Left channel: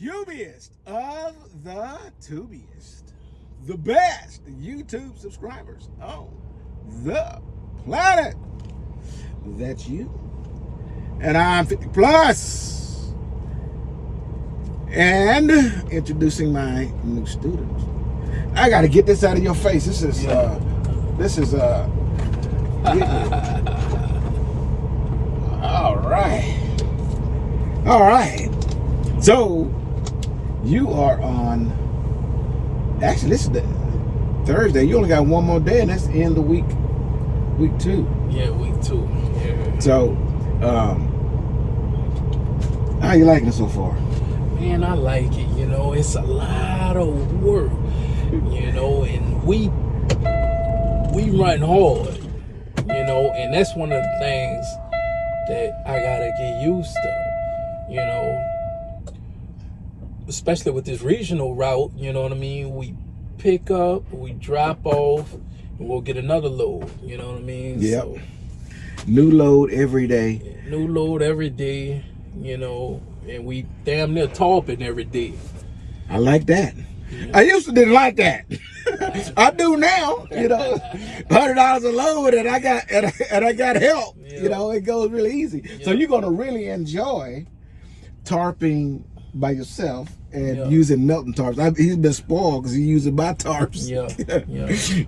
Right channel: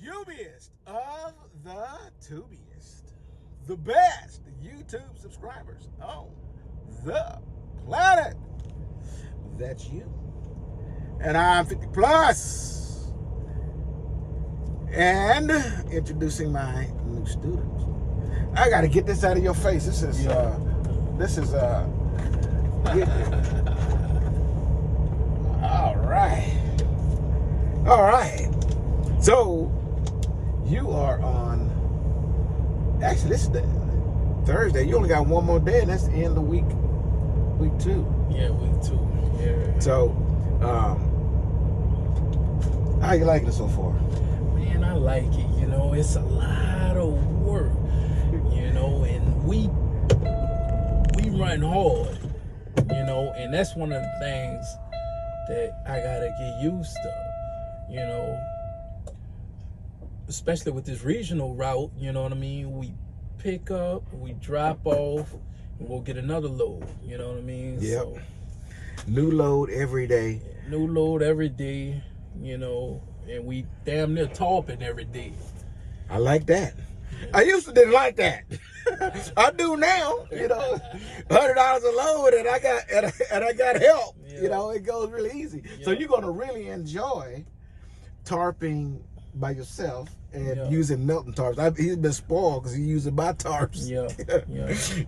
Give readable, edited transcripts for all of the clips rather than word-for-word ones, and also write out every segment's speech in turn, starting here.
Tubiest of the tubiest, the best YouTube subscribers on the planet. That's you. And I'm 50 plus. And introducing my new students. I gotta get this out of your face. This is all right. So you are on, actually this is the Thursday. You only got one more day and that's the end of week 2. Yeah, week 2. Yeah. So how you liking it so far? Man, I like it. You know, it's a lot of work. You know, and we run hard. You know, and that's one of the things that I gotta get used to. You know, especially with this regional route. You know what I mean? We pick up, we drop off, and we'll get another load. You know what I mean? Yep. So, new load every day. New load every day. You know, and we damn near tarping every day. I like that. Yeah. I used to didn't like that. I do now. You know, $100 a load, and I got help. Yeah. You know, it goes really easy. Yeah. So you're gonna really enjoy tarping by yourself and using Melton tarps. He's been spoiled because he uses my tarps.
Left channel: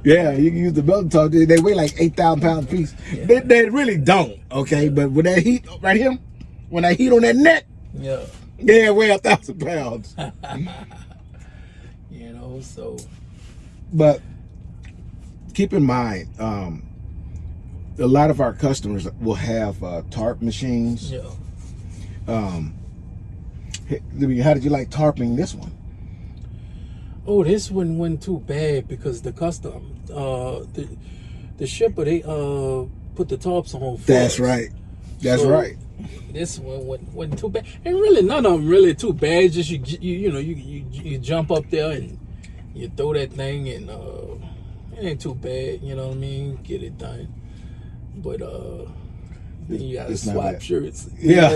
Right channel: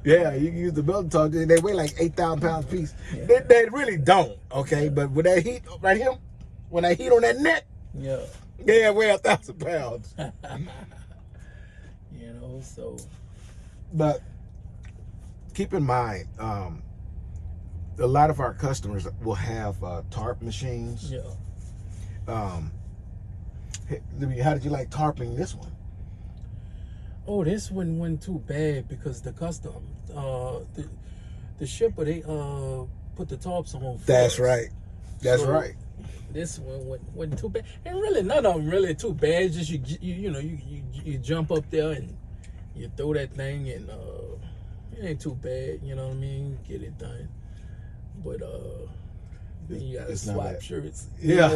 Yeah, you can use the Melton tarps. They weigh like 8,000 pounds a piece. Yeah. They really don't. Okay, but with that heat right here, when that heat on that neck, they weigh 1,000 pounds. You know, so. But keep in mind, a lot of our customers will have tarp machines. Yeah. How did you like tarping this one? Oh, this one wasn't too bad because the custom, the shipper, they put the tarps on first. That's right. That's right. This one wasn't too bad. And really, none of them really too bad. Just you jump up there and you throw that thing, and it ain't too bad. You know what I mean? Get it done. But then you gotta swap shirts. Yeah.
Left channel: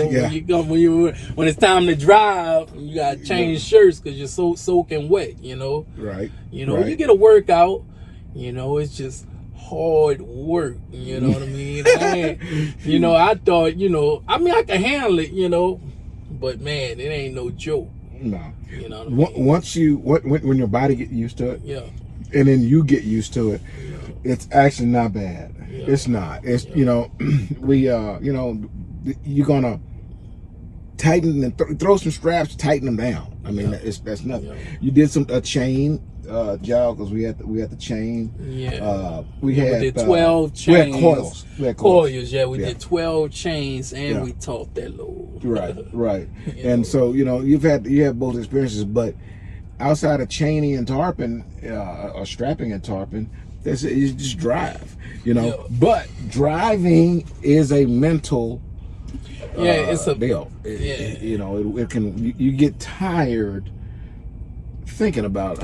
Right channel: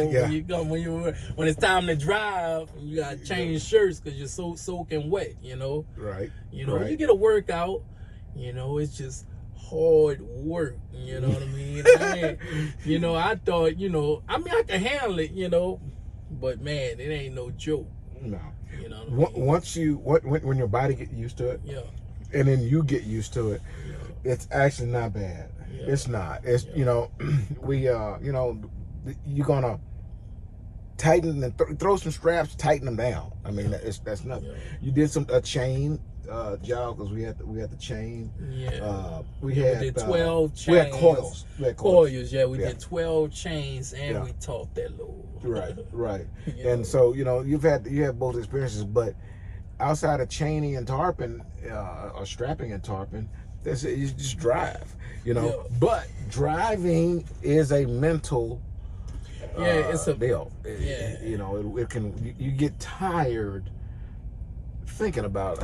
When it's time to drive, you gotta change shirts because you're so soaking wet. You know. Right. You know, you get a workout. You know, it's just hard work. You know what I mean? I thought, I mean, I can handle it. You know, but man, it ain't no joke. No. You know what I mean? Once when your body get used to it, and then you get used to it, it's actually not bad. It's not. It's you're gonna tighten and throw some straps, tighten them down. I mean, that's nothing. You did a chain job because we had the chain. We did 12 chains. We had coils. Coils. Yeah, we did 12 chains and we taught that load. Right. And so you have both experiences, but outside of chaining and tarping, or strapping and tarping, you just drive. But driving is a mental it's a deal. It can, you get tired thinking about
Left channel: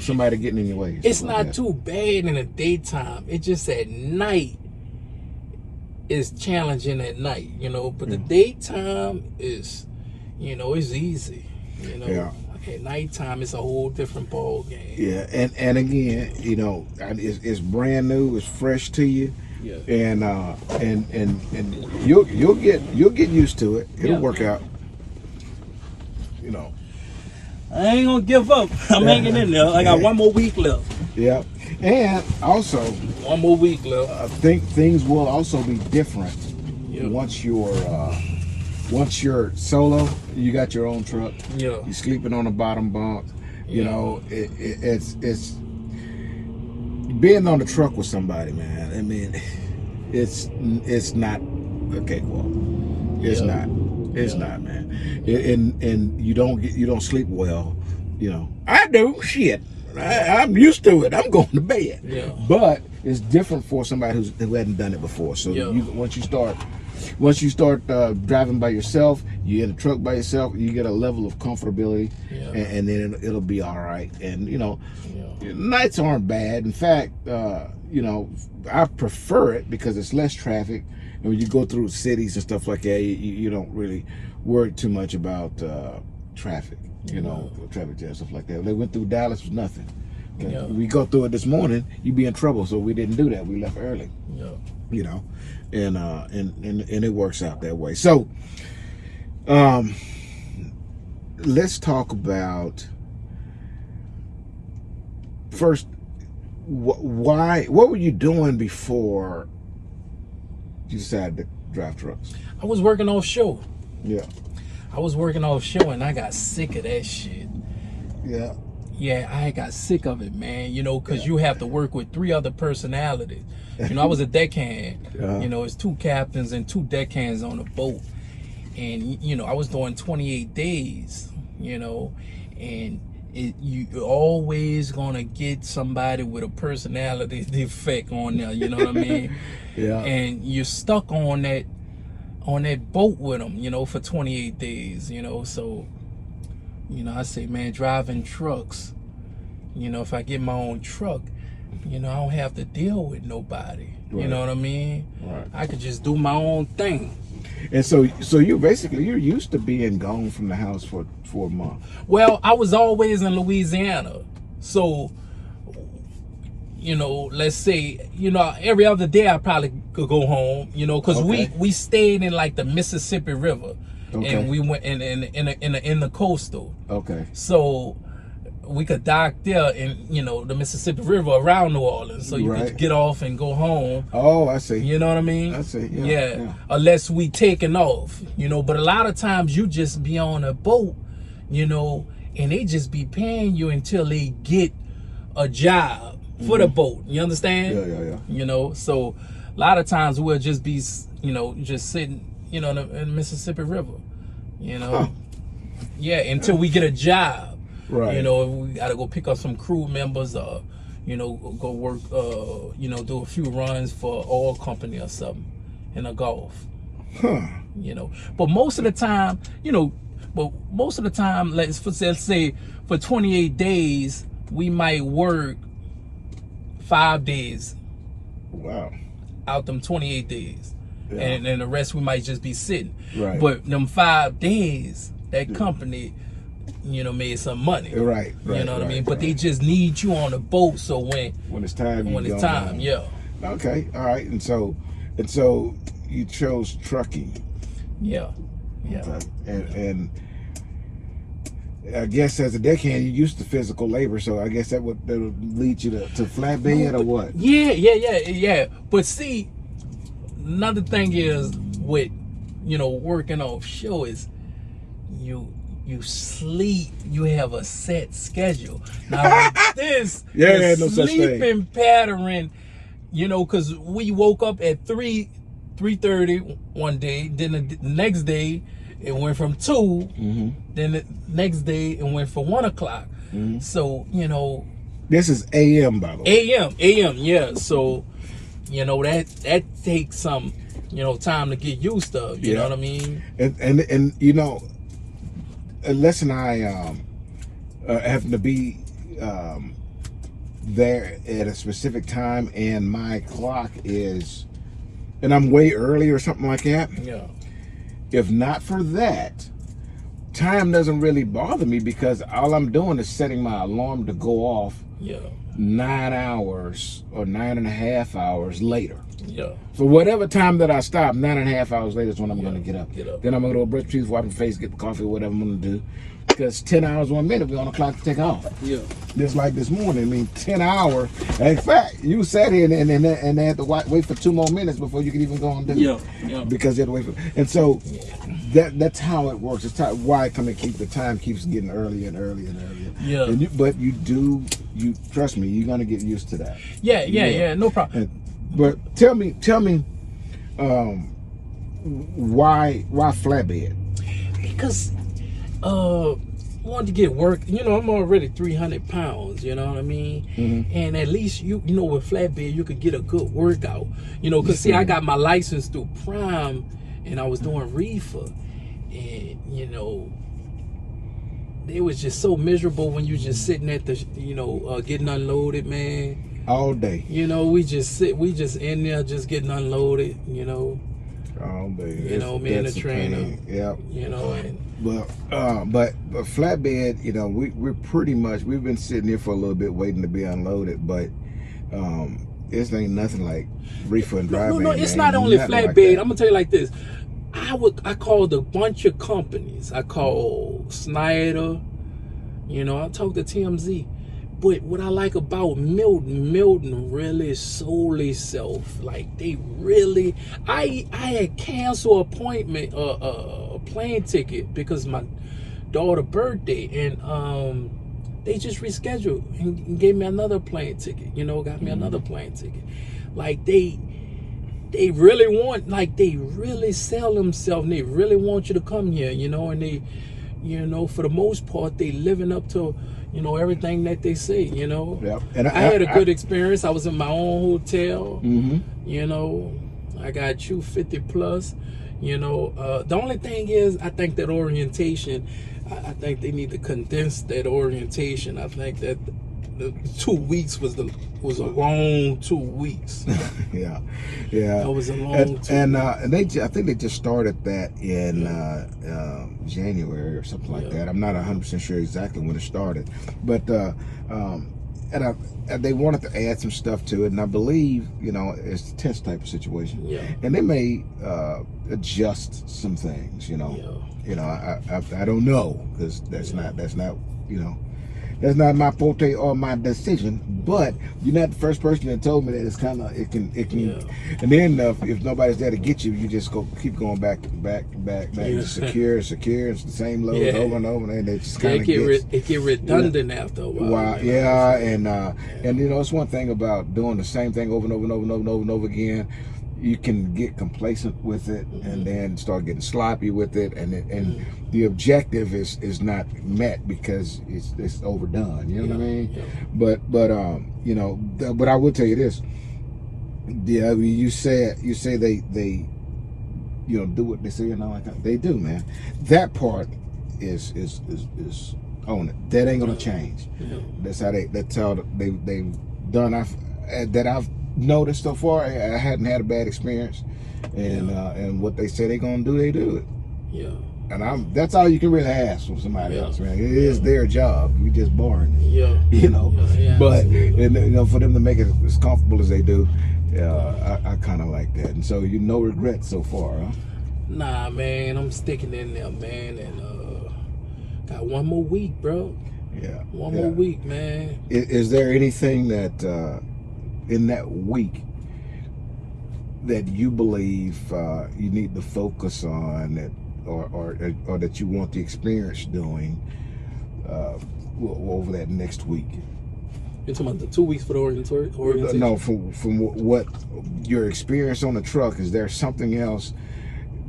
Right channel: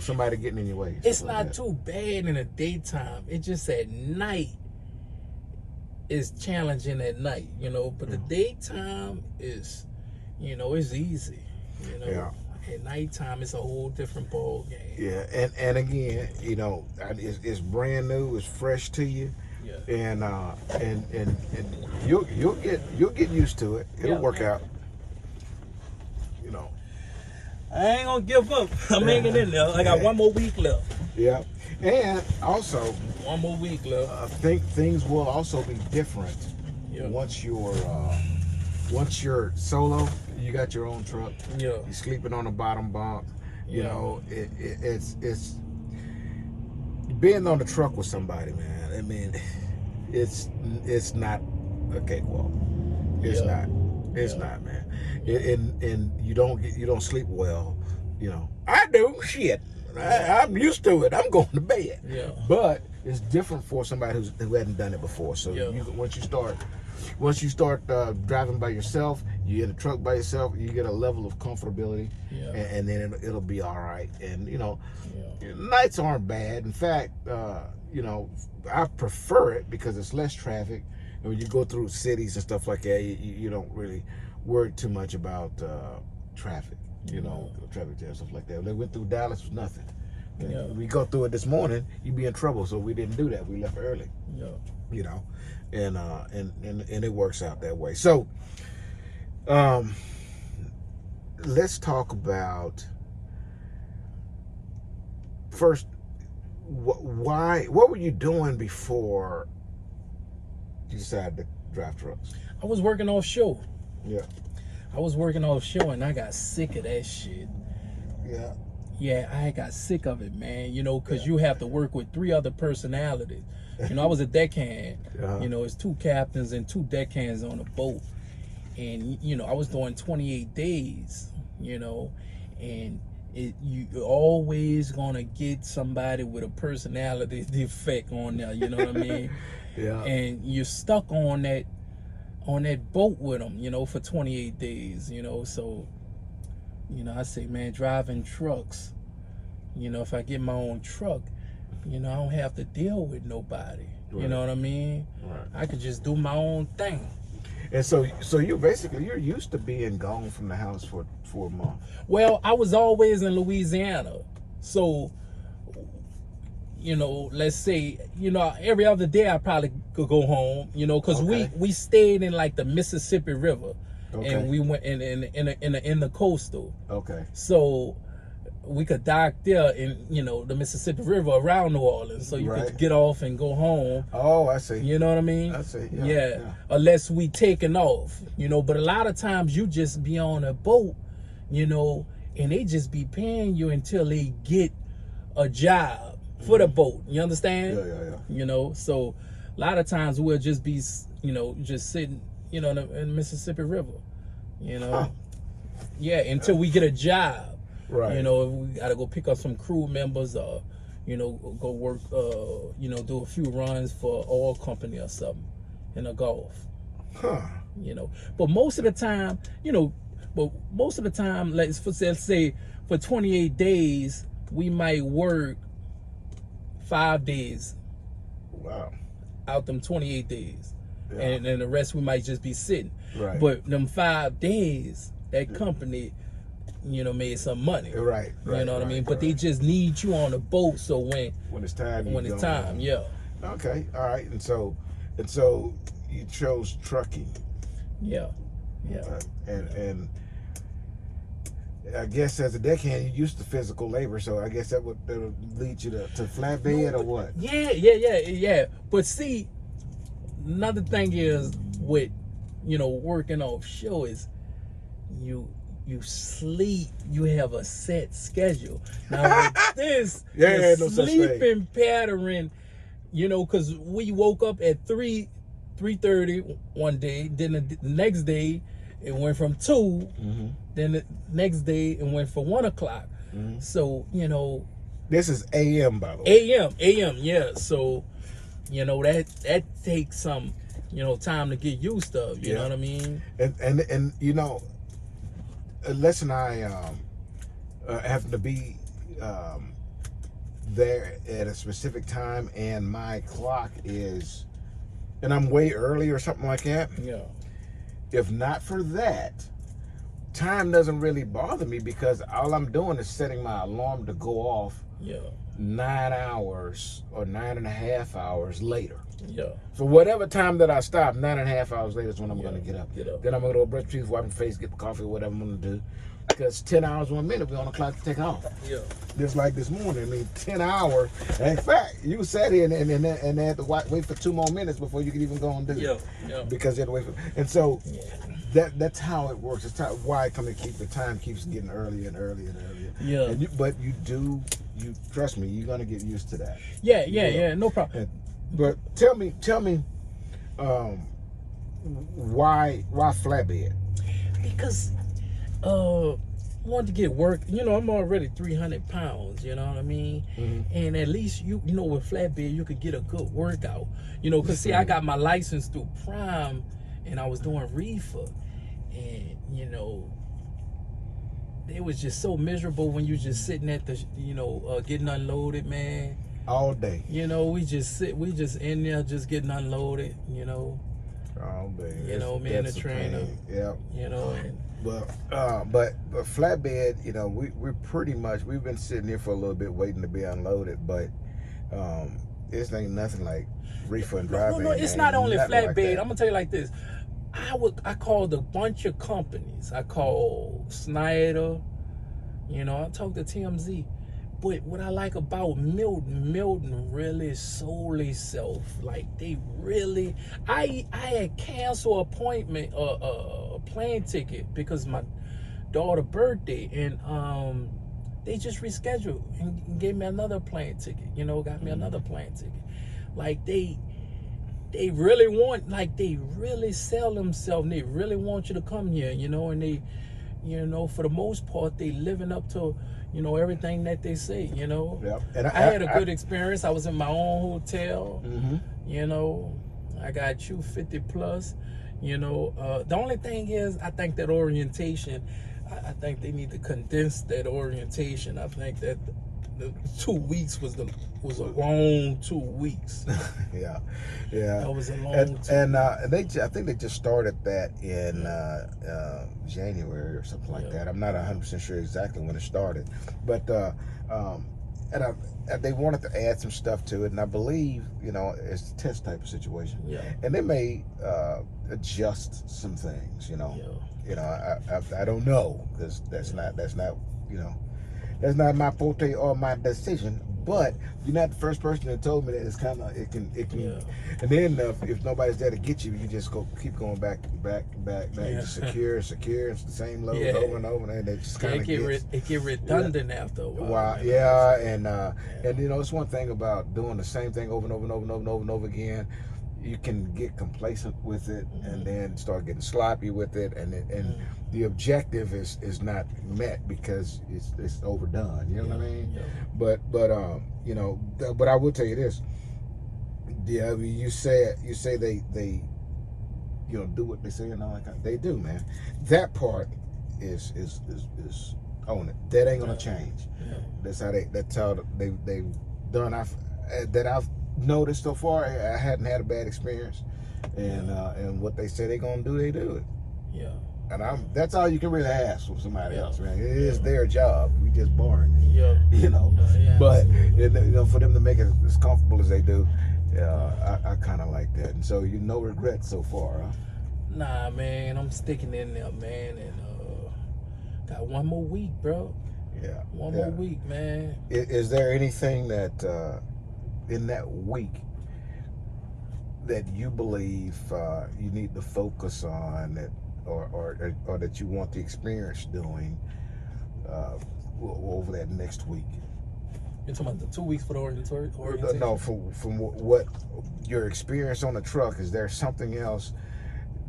somebody getting in your way. It's not too bad in the daytime. It's just at night is challenging at night, but the daytime is it's easy. At nighttime it's a whole different ball game. Yeah, and again, it's brand new, it's fresh to you. Yeah. And you'll get used to it. It'll work out. I ain't gonna give up. I'm hanging in there. I got one more week left. Yeah, and also one more week left. I think things will also be different once you're solo. You got your own truck. Yeah, you're sleeping on the bottom bunk. It's being on the truck with somebody, man. I mean, it's not okay. Well, it's not. It's not, man. And you don't sleep well. I do. Shit, I'm used to it. I'm going to bed. Yeah. But it's different for somebody who hadn't done it before. So once you start driving by yourself, you're in a truck by yourself, you get a level of comfortability, and then it'll be all right. And nights aren't bad. In fact, I prefer it because it's less traffic. And when you go through cities and stuff like that, you don't really worry too much about traffic. you know, traffic jam, stuff like that. They went through Dallas was nothing. Okay, we go through it this morning, you'd be in trouble. So we didn't do that. We left early. You know, and it works out that way. So, let's talk about first. What were you doing before you decided to drive trucks? I was working offshore. Yeah. I was working offshore and I got sick of that shit. Yeah. Yeah, I got sick of it, man. You know, because you have to work with 3 other personalities. You know, I was a deckhand. You know, it's 2 captains and 2 deckhands on a boat. And, you know, I was doing 28 days, you know, and you're always gonna get somebody with a personality defect on there, you know what I mean? Yeah. And you're stuck on that boat with them, you know, for 28 days, you know. So, you know, I say, man, driving trucks, you know, if I get my own truck, you know, I don't have to deal with nobody. Right. You know what I mean? Right. I could just do my own thing. And so you're used to being gone from the house for a month. Well, I was always in Louisiana. So, you know, let's say, you know, every other day I probably could go home, you know, because we stayed in like the Mississippi River. And we went in the coastal. Okay. So we could dock there in, you know, the Mississippi River around New Orleans. So you could get off and go home. Oh, I see. You know what I mean? I see. Yeah. Unless we taking off, you know, but a lot of times you just be on a boat, you know, and they just be paying you until they get a job for the boat. You understand? Yeah. You know, so a lot of times we'll just be, you know, just sitting, you know, in the Mississippi River, you know. Yeah, until we get a job. Right. You know, we gotta go pick up some crew members, you know, go work, you know, do a few runs for oil company or something in the Gulf. You know, but most of the time, you know, let's say for 28 days, we might work 5 days. Wow. Out them 28 days. Yeah. And then the rest we might just be sitting. Right. But them 5 days, that company, you know, made some money. Right. You know what I mean? But they just need you on the boat, so when it's time, yeah. Okay. All right. And so you chose trucking. Yeah. Okay. And I guess as a deckhand, you used to physical labor, so I guess that'll lead you to flatbed or what? Yeah. But see, another thing is with, you know, working offshore is you sleep, you have a set schedule. Now with this, no such thing. Sleeping pattern, you know, because we woke up at 3:30 one day, then the next day it went from 2, then the next day it went for 1 o'clock. So, you know, this is AM, by the way. AM, yeah. So, you know, that takes some, you know, time to get used to. You know what I mean? And you know, Les and I happen to be there at a specific time, and my clock is, and I'm way early or something like that. Yeah. If not for that, time doesn't really bother me because all I'm doing is setting my alarm to go off 9 hours or 9.5 hours later. Yeah. For whatever time that I stop, 9.5 hours later is when I'm going to get up. Then I'm going to go brush teeth, wipe my face, get the coffee, whatever I'm going to do. Because 10 hours, 1 minute, we're on the clock to take off. Yeah. Just like this morning. I mean, 10 hours. In fact, you sat here and they had to wait for 2 more minutes before you could even go and do it. Yeah. Because you had to wait for. And so that's how it works. It's why the time keeps getting earlier and earlier and earlier. Yeah. But you trust me, you're gonna get used to that. Yeah. No problem. But tell me, why flatbed? Because wanted to get work. You know, I'm already 300 pounds. You know what I mean? And at least you know with flatbed you could get a good workout. You know, cause see, I got my license through Prime, and I was doing reefer, and you know, it was just so miserable when you just sitting at the, you know, getting unloaded, man. All day. You know, we just in there just getting unloaded, you know. All day. You know, me and the trainer. Yeah. You know, and but flatbed, you know, we're pretty much, we've been sitting here for a little bit waiting to be unloaded, but this ain't nothing like reefer and dry van. No, it's not only flatbed. I'm gonna tell you like this. I called a bunch of companies. I called Snyder, you know, I talked to TMZ. But what I like about Melton really sold itself. Like they really, I had canceled appointment, a plane ticket because my daughter's birthday, and they just rescheduled and gave me another plane ticket. You know, got me another plane ticket. Like they really want, like they really sell themselves. And they really want you to come here. You know, and they, you know, for the most part, they living up to, you know, everything that they say, you know. Yep. And I had a good experience. I was in my own hotel. You know, I got you 50 plus. You know, the only thing is, I think that orientation, I think they need to condense that orientation. I think that the 2 weeks was a long 2 weeks. yeah. It was a long and I think they just started that in January or something like that. I'm not 100% sure exactly when it started, but and they wanted to add some stuff to it, and I believe, you know, it's a test type of situation, and they may adjust some things, you know. You know, I don't know, because that's not you know, that's not my forte or my decision, but you're not the first person that told me that. It's kind of, it can, and then if nobody's there to get you, you just keep going back, secure, it's the same load over and over, and it just kind of it get redundant after a while. And you know, it's one thing about doing the same thing over and over again. You can get complacent with it, and then start getting sloppy with it, and the objective is not met because it's overdone. You know what I mean? But you know, but I will tell you this. Yeah, I mean, you say they you know, do what they say and all that. They do, man. That part is on it. That ain't gonna change. That's how they've done. I've noticed so far. I hadn't had a bad experience, and what they say they're gonna do, they do it. And that's all you can really ask from somebody else, man. It is their job. We just boring. You know. But and, you know, for them to make it as comfortable as they do, I kind of like that. And so you no regrets so far, huh? Nah, man. I'm sticking in there, man, and got one more week, bro. One more week, man. Is there anything that in that week that you believe you need to focus on, that or that you want the experience doing over that next week? You're talking about the 2 weeks for the orientation? No, from what your experience on the truck, is there something else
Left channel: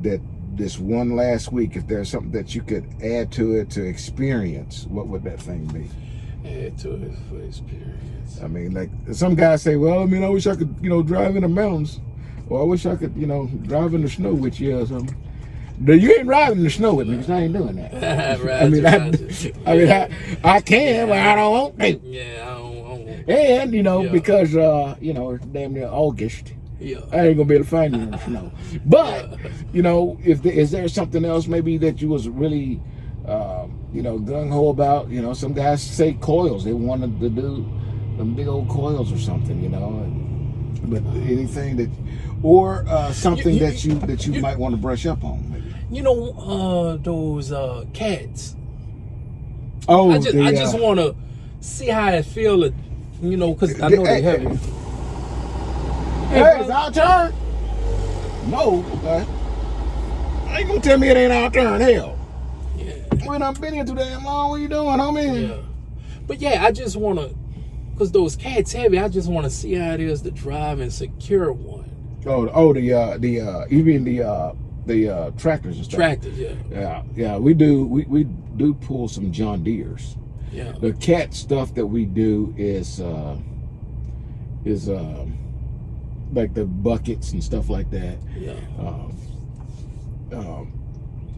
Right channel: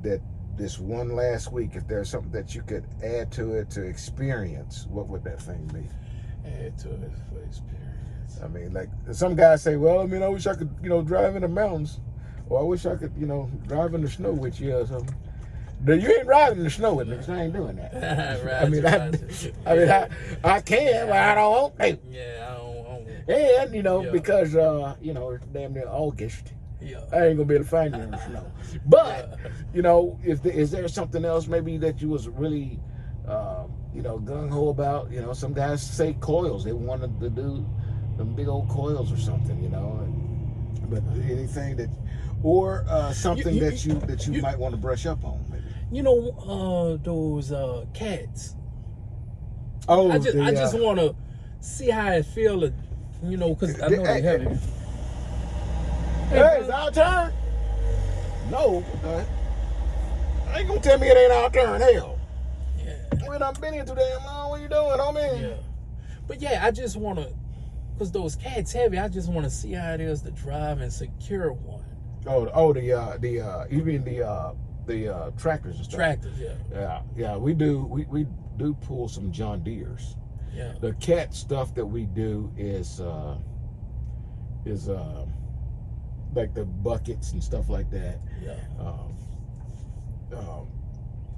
that this one last week, if there's something that you could add to it to experience, what would that thing be? Add to it for experience. I mean, like some guys say, well, I mean, I wish I could, you know, drive in the mountains, or I wish I could, you know, drive in the snow with you or something. But you ain't riding in the snow with me, because I ain't doing that. I can, but I don't want to. I don't want to. And, you know, because, you know, it's damn near August. I ain't gonna be able to find you in the snow. But, you know, is there something else maybe that you was really, you know, gung-ho about? You know, some guys say coils. They wanted to do them big old coils or something, you know. But anything that, or something that you might want to brush up on, maybe. You know, those cats. Oh, I just want to see how it feel. You know, because I know they heavy. Hey, it's our turn. No, okay. I ain't gonna tell me it ain't our turn. Hell. We done been here too damn long. What you doing, homie? But I just want to, because those cats heavy, I just want to see how it is to drive and secure one. You mean the tractors and stuff? Tractors, yeah. We do pull some John Deeres. The cat stuff that we do is like the buckets and stuff like that.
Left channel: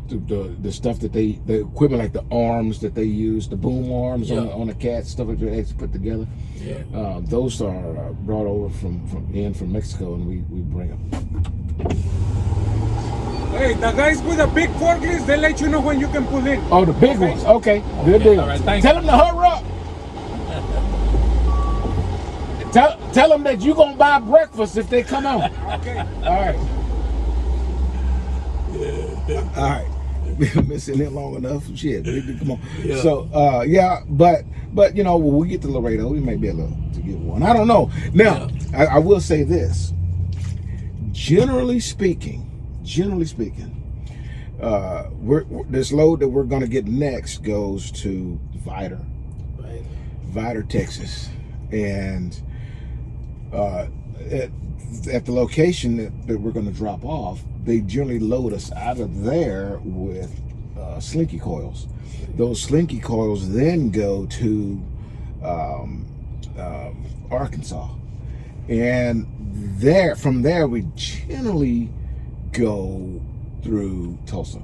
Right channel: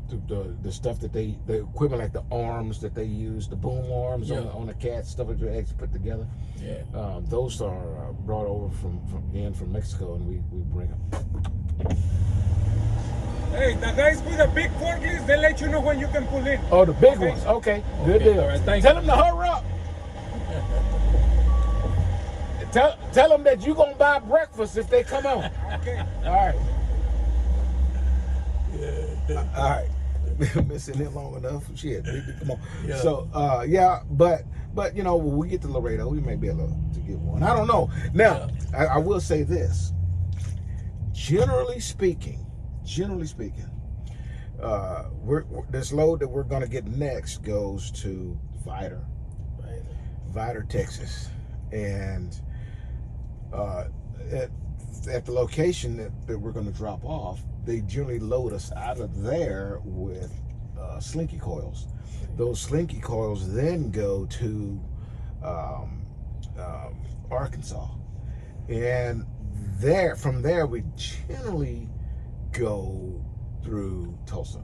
The stuff that the equipment, like the arms that they use, the boom arms on the cat, stuff like that they put together. Those are brought over from Mexico, and we bring them. Hey, the guys with the big forklifts, they let you know when you can pull in. Oh, the big ones. Okay, good deal. All right, Tell them to hurry up. Tell them that you're going to buy breakfast if they come on. Okay. All right. All right. Missing it long enough. Shit, come on. Yeah. So, yeah, but you know, when we get to Laredo, we may be able to get one. I don't know. Now, I will say this. Generally speaking, this load that we're going to get next goes to Vidor, Texas, and at the location that we're going to drop off, they generally load us out of there with slinky coils. Those slinky coils then go to Arkansas, and from there we generally go through Tulsa.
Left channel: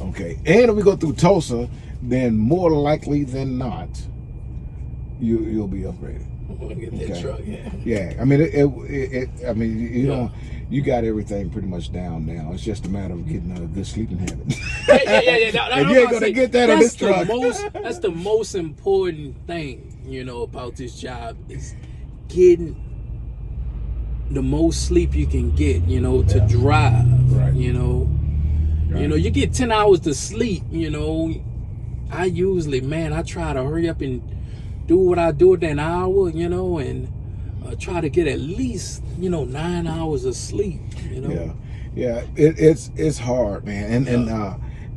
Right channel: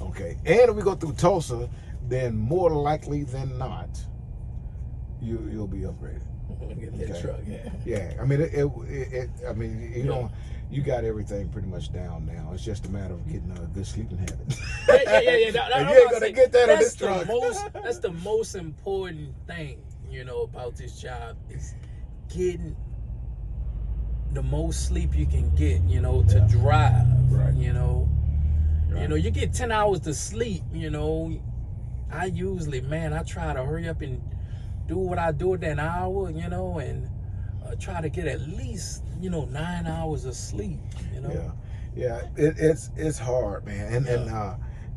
Okay, and if we go through Tulsa, then more likely than not, you'll be upgraded. Get that truck, yeah. I mean, you know, you got everything pretty much down now. It's just a matter of getting a good sleeping habit. Yeah. And you ain't gonna get that on this truck. That's the most important thing, you know, about this job is getting the most sleep you can get, you know, to drive. Right. You know. Right. You know, you get 10 hours to sleep, you know. I try to hurry up and do what I do within an hour, you know, and try to get at least, you know, 9 hours of sleep, you know. Yeah. It's hard, man,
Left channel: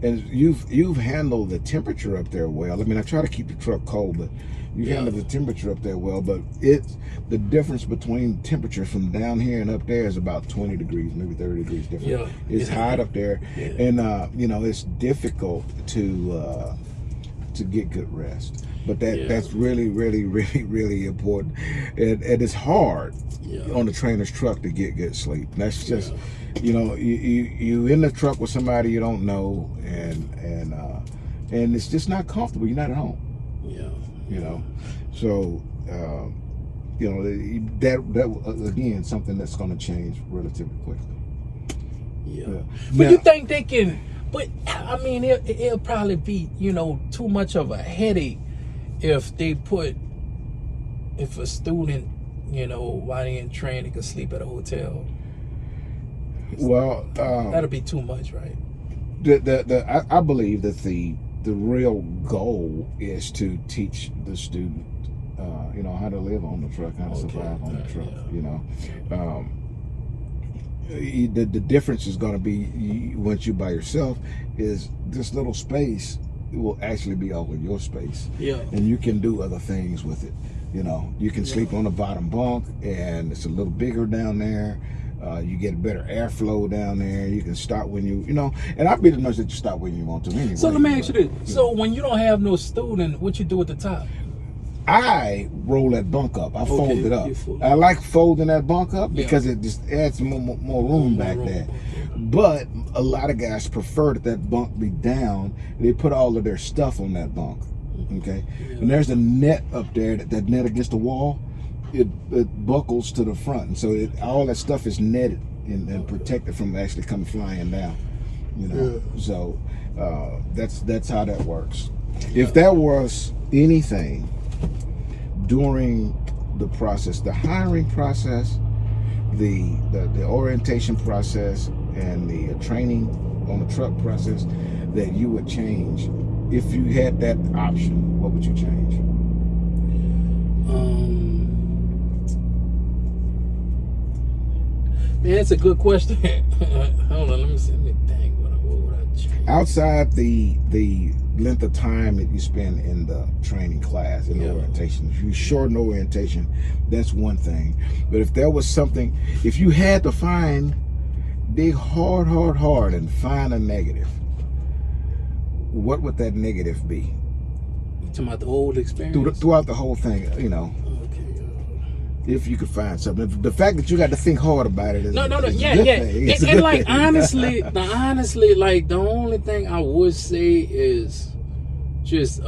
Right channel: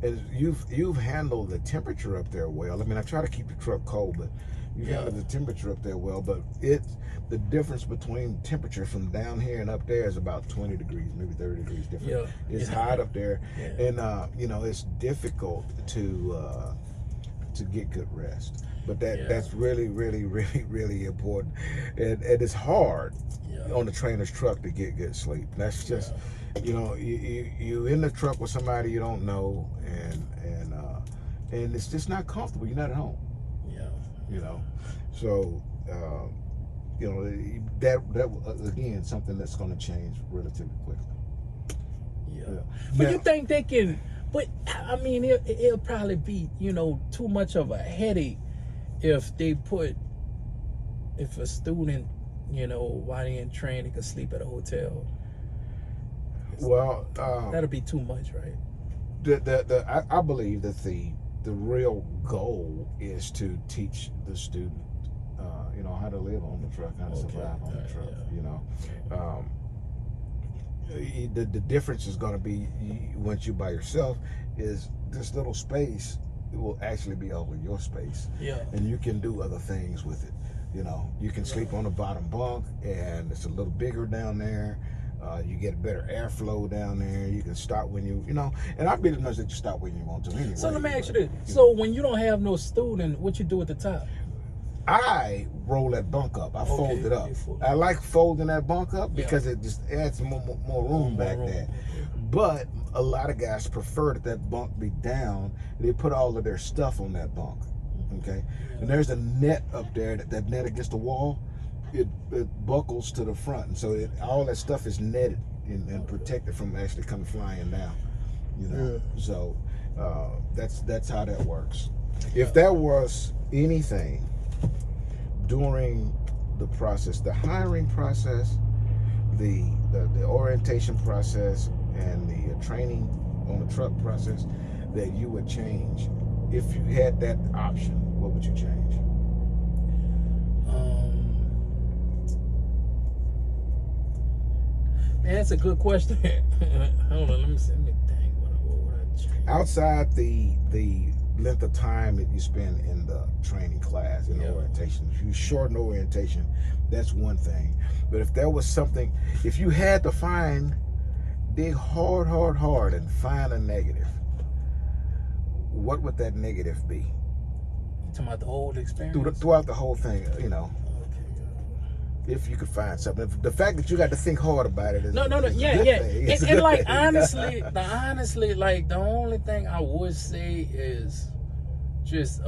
and you've handled the temperature up there well. I mean, I try to keep the truck cold, but you handled the temperature up there well. But the difference between temperatures from down here and up there is about 20 degrees, maybe 30 degrees different. It's hot up there, and you know, it's difficult to get good rest. But that's really, really, really, really important, and it's hard on the trainer's truck to get good sleep. And that's just, you know, you in the truck with somebody you don't know, and it's just not comfortable. You're not at home. You know, so you know, that again, something that's going to change relatively quickly. But now, you think they can? But I mean, it'll probably be, you know, too much of a headache if a student, you know, while they're in training, could sleep at a hotel. Well, that'll be too much, right? I believe that the real goal is to teach the student, you know, how to live on the truck, how to survive on the truck. You know, the difference is going to be once you're by yourself is this little space will actually be all of your space, and you can do other things with it. You know, you can sleep on the bottom bunk, and it's a little bigger down there. You get a better airflow down there. You can start when you know, and I'll be the nurse that you start when you want to anyway. So let me ask you this: so when you don't have no student, what you do at the top? I roll that bunk up. I fold it up. I like folding that bunk up because it just adds more room back there. But a lot of guys prefer that bunk be down. They put all of their stuff on that bunk. Okay, and there's a net up there. That net against the wall, it buckles to the front, and so all that stuff is netted and protected from actually coming flying down. You know, so that's how that works. If there was anything during the process, the hiring process, the orientation process, and the training on the truck process that you would change, if you had that option, what would you change? Man, that's a good question. Hold on, let me think. What would I change? Outside the length of time that you spend in the training class and orientation, if you shorten orientation, that's one thing. But if there was something, if you had to dig hard and find a negative, what would that negative be? You talking about the whole experience? Throughout the whole thing, you know. If you could find something, the fact that you got to think hard about it is a good thing. And like honestly, like the only thing I would say is just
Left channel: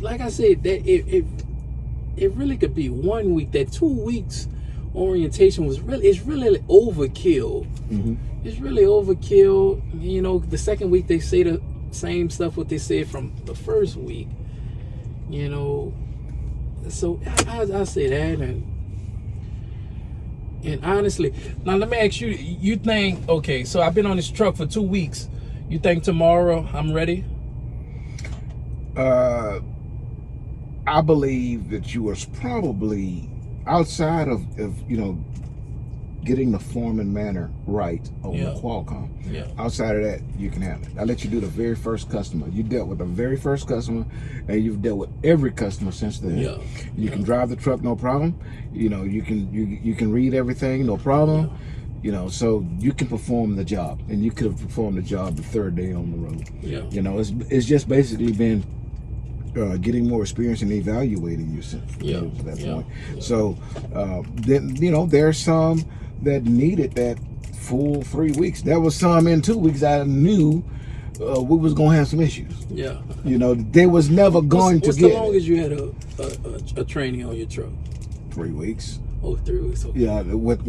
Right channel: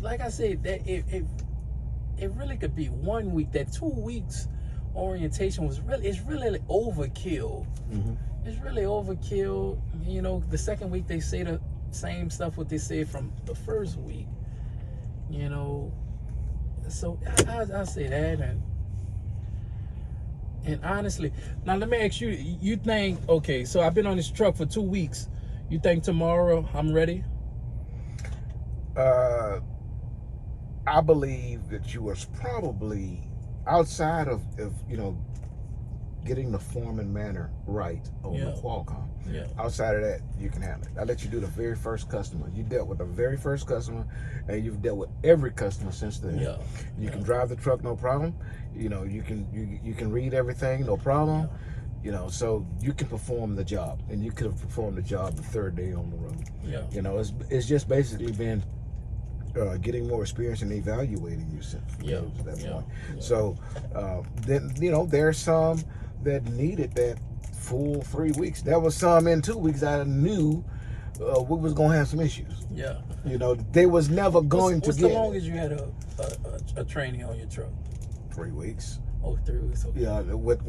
like I said, that it really could be 1 week. That 2 weeks orientation was it's really overkill. It's really overkill. You know, the second week they say the same stuff what they said from the first week. You know, so I say that, and honestly, now let me ask you. You think, okay? So I've been on this truck for 2 weeks. You think tomorrow I'm ready? I believe that you are probably outside of you know, getting the form and manner right on the Qualcomm. Outside of that, you can have it. I let you do the very first customer. You dealt with the very first customer, and you've dealt with every customer since then. You can drive the truck, no problem. You know, you can read everything, no problem. You know, so you can perform the job, and you could have performed the job the third day on the road. You know, it's just basically been getting more experience and evaluating yourself to that point. So then, you know, there's some that needed that full 3 weeks. There was some in 2 weeks I knew we was gonna have some issues. You know, they was never going to get. What's the longest you had a training on your truck? 3 weeks. Oh, 3 weeks. Okay. Yeah, with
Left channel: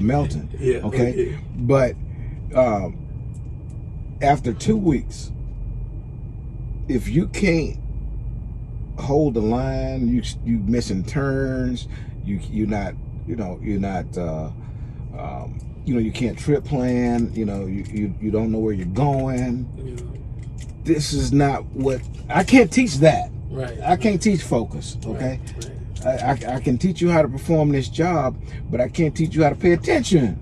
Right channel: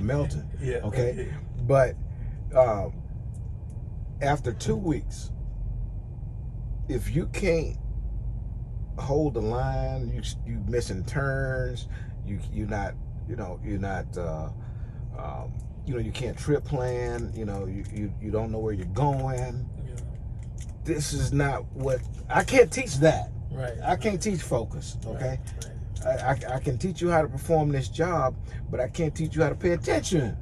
Melton. Okay. But after 2 weeks, if you can't hold the line, you missing turns, you're not you can't trip plan, you know, you don't know where you're going. This is not what I can't teach that. I can't teach focus, okay? I can teach you how to perform this job, but I can't teach you how to pay attention.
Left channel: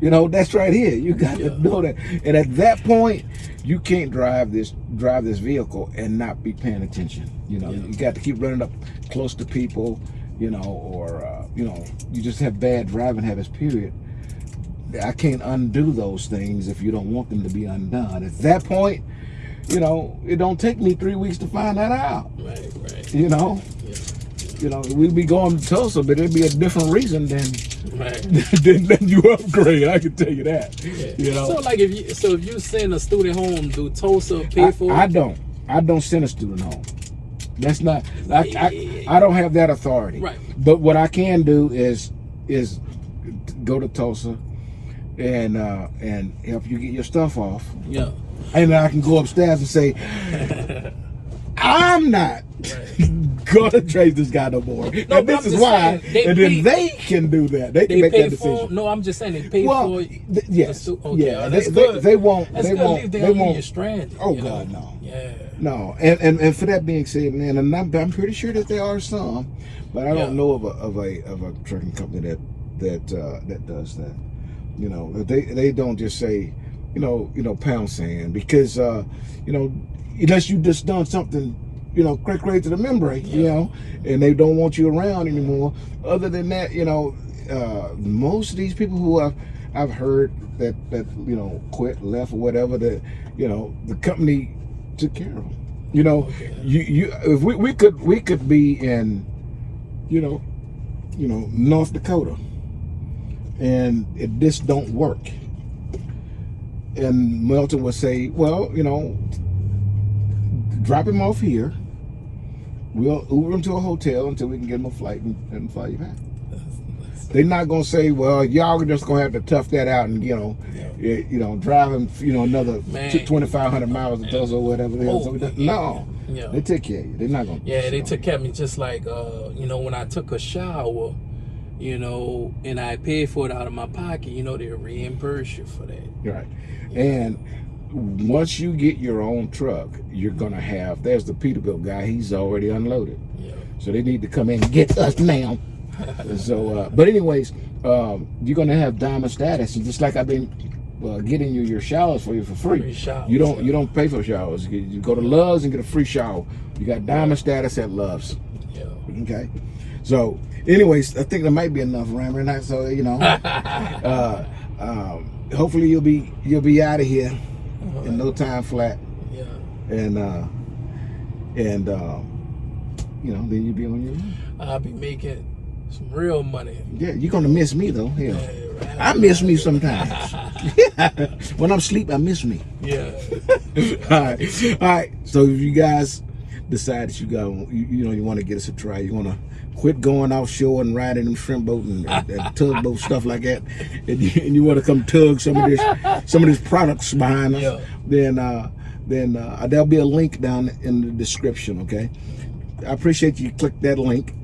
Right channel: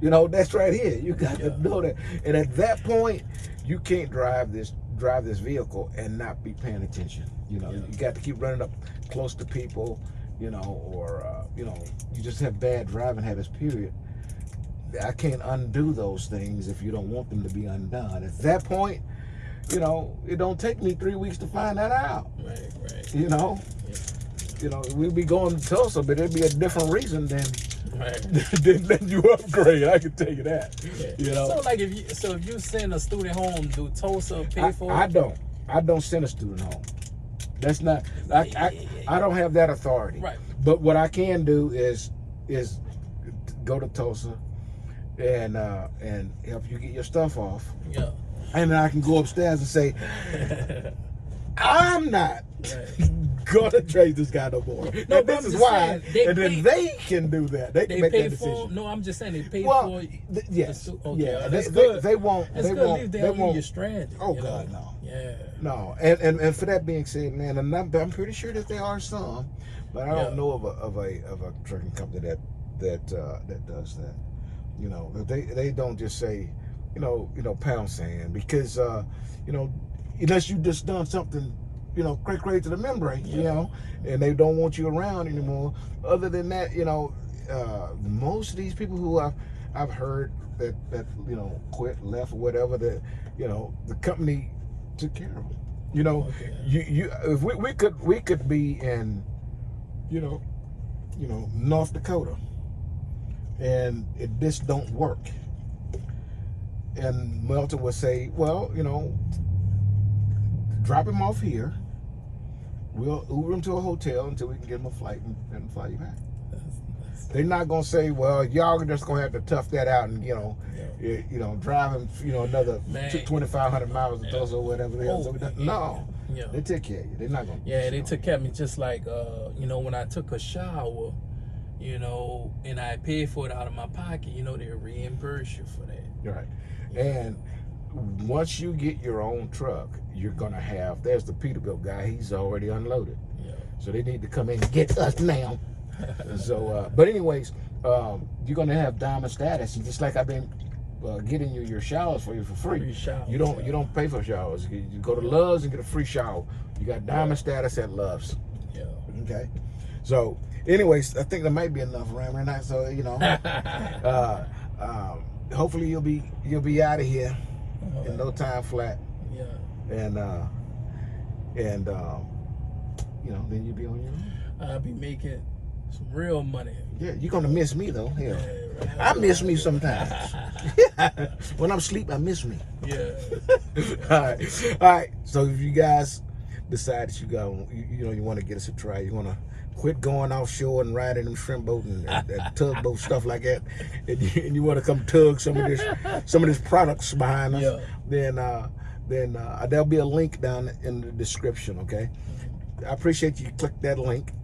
You know, that's right here. You got to know that. And at that point, you can't drive this vehicle and not be paying attention. You know, you got to keep running up close to people, you know, or you know, you just have bad driving habits, period. I can't undo those things if you don't want them to be undone. At that point, you know, it don't take me 3 weeks to find that out. You know? You know, we'd be going to Tulsa, but it'd be a different reason than you upgrade. I can tell you that. You know. So like if you send a student home, do Tulsa pay for it? I don't send a student home. That's not. I don't have that authority. But what I can do is go to Tulsa and help you get your stuff off. And then I can go upstairs and say, I'm not gonna trade this guy no more. And this is why. And then they can do that. They can make that decision. No, I'm just saying they pay for. Yes. Okay, they won't. They won't. They won't. You're stranded. Oh God, no. No. And for that being said, man, and I'm pretty sure that there are some, but I don't know of a trucking company that does that. You know, they don't just say, you know, pound sand, because you know, unless you just done something, you know, crazy to the membrane, you know, and they don't want you around anymore. Other than that, you know, most of these people who I've heard that you know, quit, left, or whatever, that, you know, the company took care of them. You know, if we could be in, you know, North Dakota, and this don't work, and Melton would say, well, you know, drop him off here. We'll Uber him to a hotel until we can get him a flight and fly you back. They're not gonna say, well, y'all are just gonna have to tough that out and, you know, drive him, you know, another 2,500 miles to Tulsa or whatever the hell. No, they take care of you. They're not gonna. They took care of me, just like you know, when I took a shower, you know, and I paid for it out of my pocket, you know, they reimburse you for that. Right. And once you get your own truck, you're gonna have, there's the Peterbilt guy, he's already unloaded. So they need to come in and get us now. So but anyways, you're gonna have diamond status, and just like I've been getting you your showers for you for free. You don't pay for showers. You go to Love's and get a free shower. You got diamond status at Love's. Okay. So anyways, I think there might be enough rambling. So, you know, hopefully you'll be out of here in no time flat. And you know, then you'll be on your own. I'll be making some real money. Yeah, you're gonna miss me though. Yeah, I miss me sometimes. When I'm asleep, I miss me. All right. So if you guys decide that you want to get us a try, you want to quit going offshore and riding them shrimp boat and tugboat stuff like that, and you want to come tug some of these products behind us, then there'll be a link down in the description. Okay, I appreciate you click that link.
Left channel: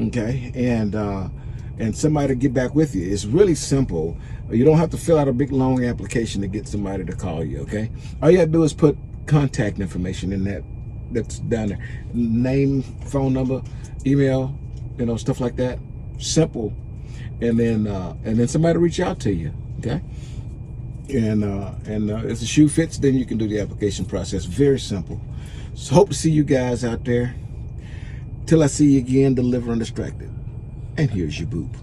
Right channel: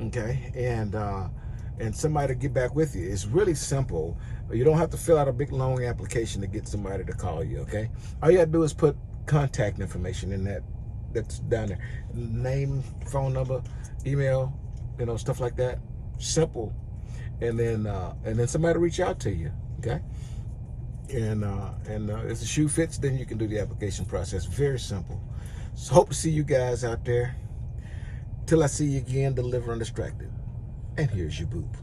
Okay, and somebody to get back with you. It's really simple. You don't have to fill out a big long application to get somebody to call you. Okay, all you have to do is put contact information in that's down there, name, phone number, email, stuff like that. Simple. And then somebody reach out to you. Okay, and if the shoe fits, then you can do the application process. Very simple. So hope to see you guys out there. Till I see you again, deliver undistracted. And here's your boop.